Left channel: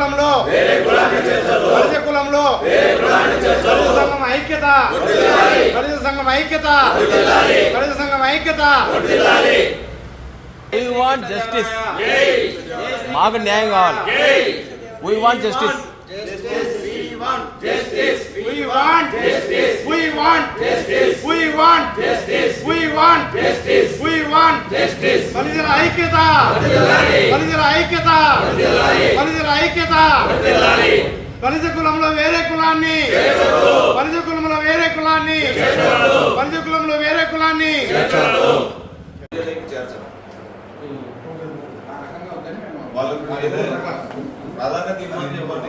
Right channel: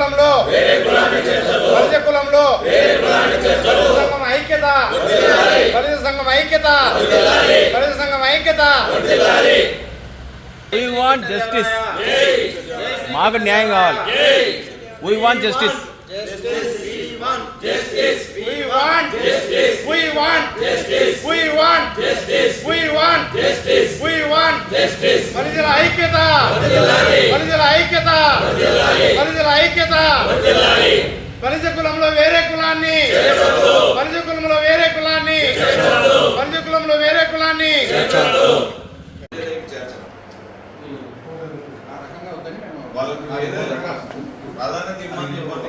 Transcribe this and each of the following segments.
కులంలో. బలిజ కులంలో. సంఘం ఐక్యత. బలిజ సంఘం ఐక్యత. బలిజ సంఘం ఐక్యత. వీ వాంట్ జస్టిస్ మాకు న్యాయం కావాలి. We want justice We want justice. We want justice. We want justice. We want justice. ఐక్యత. బలిజల ఐక్యత. బలిజల ఐక్యత. బలిజ కులంలో వేరే కులాన్ని. బలిజ కులంలో వేరే కులాన్ని. బలిజ కులంలో వేరే కులాన్ని. వాళ్ళకి ప్రాధాన్యత ఇవ్వమని చెప్పండి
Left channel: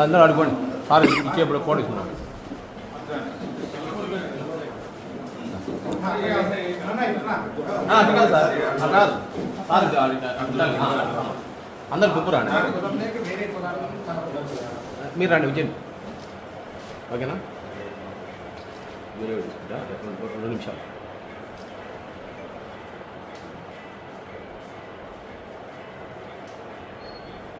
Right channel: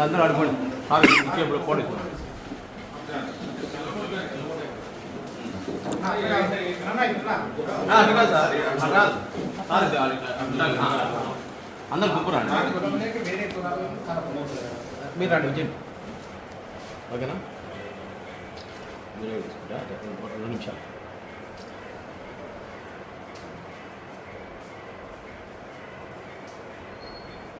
అందరూ అనుకోండి సార్ ఇచ్చేప్పుడు పోండి అట్లా కాదు సార్ అట్లా కాదు సార్ ఇది అట్లా కాదు. అందరు గుంపు రండి మీరు రండి విజయ్ ఓకేనా 노래를 부르겠습니다. 여러분, 오늘 음식.